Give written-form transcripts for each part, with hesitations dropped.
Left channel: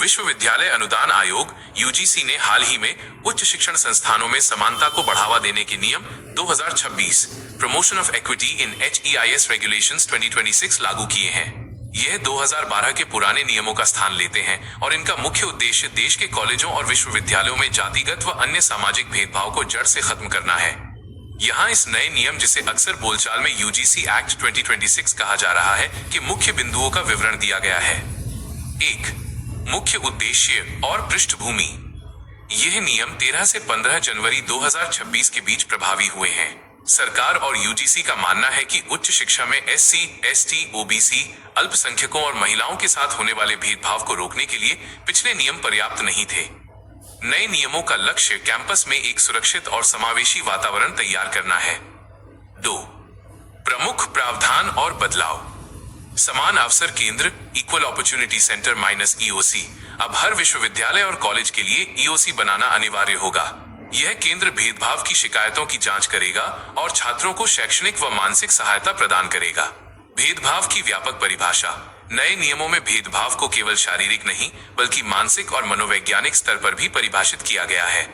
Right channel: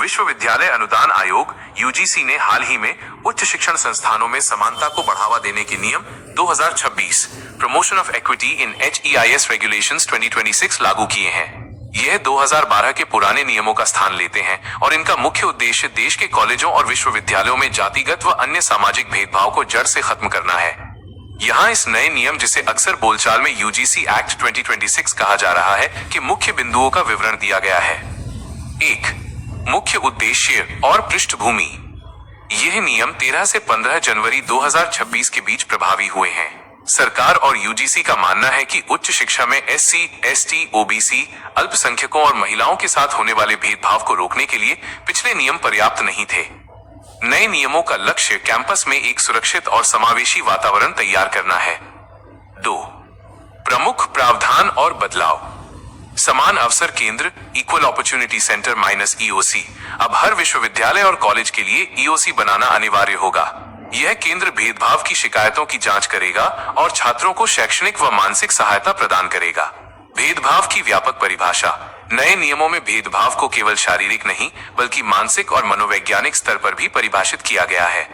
विश्वविद्यालय अनुदान आयोग यूजीसी ने हाल ही में उच्च शिक्षण संस्थानों में समानता को बढ़ावा देने के नियम 2026 promotion of equity in HEIS regulations 2026 लागू किए हैं। यह 2012 के पुराने नियमों का स्थान लेते हैं और इनका मुख्य उद्देश्य देश के कॉलेजों और विश्वविद्यालयों में जातिगत व अन्य सामाजिक भेदभाव को जड़ से खत्म करना है। यहाँ इस नए नियम, जिसे अक्सर बोलचाल में यूजीसी एक्ट 2026 कहा जा रहा है, के मुख्य बिंदुओं का विवरण दिया गया है। 1. मुख्य उद्देश्य और पृष्ठभूमि। यह नियम 13 से 15 जनवरी 2026 के बीच प्रभावी हुए हैं। सरकार और यूजीसी का मानना है कि उच्च शिक्षा में SC, ST, OBC, अल्पसंख्यकों और महिलाओं के साथ होने वाले भेदभाव को रोकने के लिए पिछले नियम पर्याप्त नहीं थे। नए नियमों का लक्ष्य कैंपस में एक सुरक्षित और समावेशी वातावरण तैयार करना है। 2. प्रमुख प्रावधान और बदलाव। समान अवसर केंद्र इक्वल अपॉर्चुनिटी सेंटर -EOC अब हर विश्वविद्यालय और कॉलेज के लिए EOC बनाना अनिवार्य होगा। यह केंद्र भेदभाव की शिकायतों की जांच करेगा और छात्रों को शैक्षणिक व मानसिक सहायता प्रदान करेगा। भेदभाव की व्यापक परिभाषा। नए नियमों में भेदभाव को केवल शारीरिक नहीं बल्कि मानसिक और मनोवैज्ञानिक स्तर पर भी परिभाषित किया गया है।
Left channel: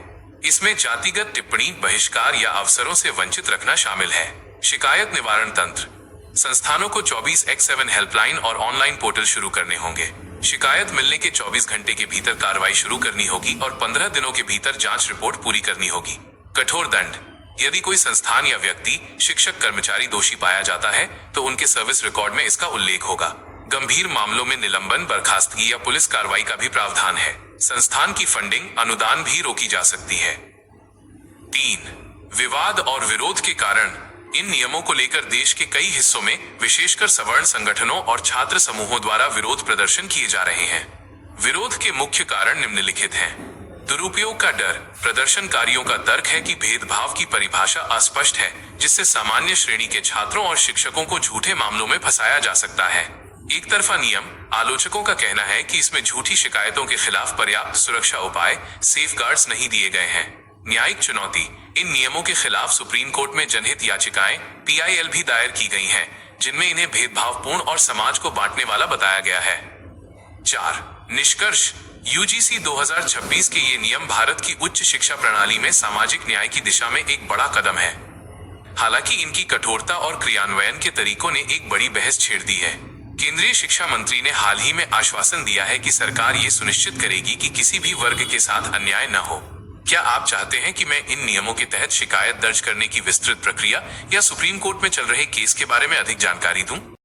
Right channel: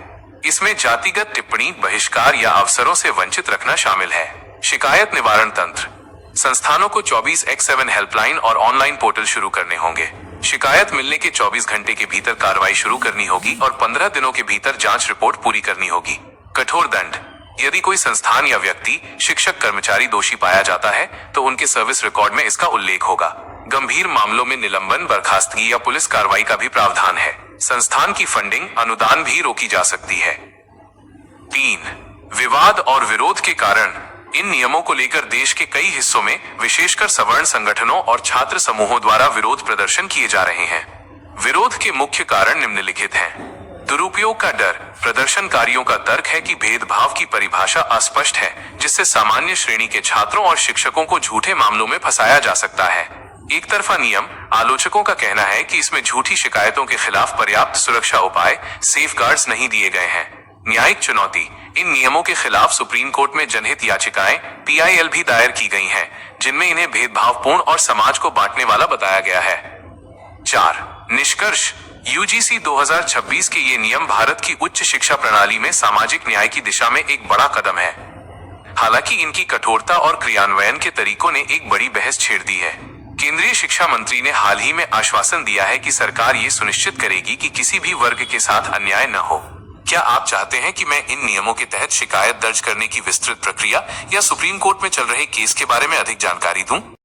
इसमें जातिगत टिप्पणी, बहिष्कार या अवसरों से वंचित रखना शामिल है। शिकायत निवारण तंत्र। संस्थानों को 24x7 हेल्पलाइन और ऑनलाइन पोर्टल शुरू करने होंगे। शिकायत मिलने के 24 घंटे के भीतर कार्रवाई शुरू करनी होगी और 15 दिनों के भीतर जांच रिपोर्ट पूरी करनी होगी। कठोर दंड। यदि कोई संस्थान या व्यक्ति, शिक्षक, कर्मचारी दोषी पाया जाता है तो उनके सर्विस रिकॉर्ड में इसका उल्लेख होगा। गंभीर मामलों में निलंबन, बर्खास्तगी या पुलिस कार्रवाई का भी प्रावधान है। संस्थान की फंडिंग, अनुदान भी रोकी जा सकती है। 3. विवाद और विरोध के कारण। इन नियमों को लेकर देश के कई हिस्सों में विशेषकर सवर्ण संगठनों और छात्र समूहों द्वारा विरोध प्रदर्शन किए जा रहे हैं। विरोध के मुख्य कारण निम्नलिखित हैं। दुरुपयोग का डर। प्रदर्शनकारियों का तर्क है कि भेदभाव की परिभाषा अस्पष्ट है, जिससे सामान्य श्रेणी के छात्रों और शिक्षकों को झूठे मामलों में फंसाया जा सकता है। एक तरफा नियम। आलोचकों का कहना है कि इसमें झूठी शिकायतों के खिलाफ पर्याप्त सुरक्षा उपाय, सेफगार्ड्स नहीं दिए गए हैं। न्यायिक चुनौती। इन नियमों के खिलाफ सुप्रीम कोर्ट में जनहित याचिकाएं PIL भी दायर की गई हैं, जिनमें इन्हें भेदभावपूर्ण और समाज को बांटने वाला बताया गया है। 4. निष्कर्ष। यूजीसी 2026 के ये नियम भारत की उच्च शिक्षा प्रणाली में सामाजिक न्याय की दिशा में एक बड़ा कदम है। हालांकि इनकी कठोरता और क्रियान्वयन के तरीकों ने एक बड़ी बहस छेड़ दी है। केंद्रीय शिक्षा मंत्री ने हाल ही में आश्वासन दिया है कि सरकार ये सुनिश्चित करेगी कि किसी भी वर्ग के साथ अन्याय न हो। क्या आप चाहते हैं कि मैं इन नियमों के तहत शिकायत दर्ज करने की विस्तृत प्रक्रिया या सुप्रीम कोर्ट में चल रहे केस के बारे में अधिक जानकारी दूं?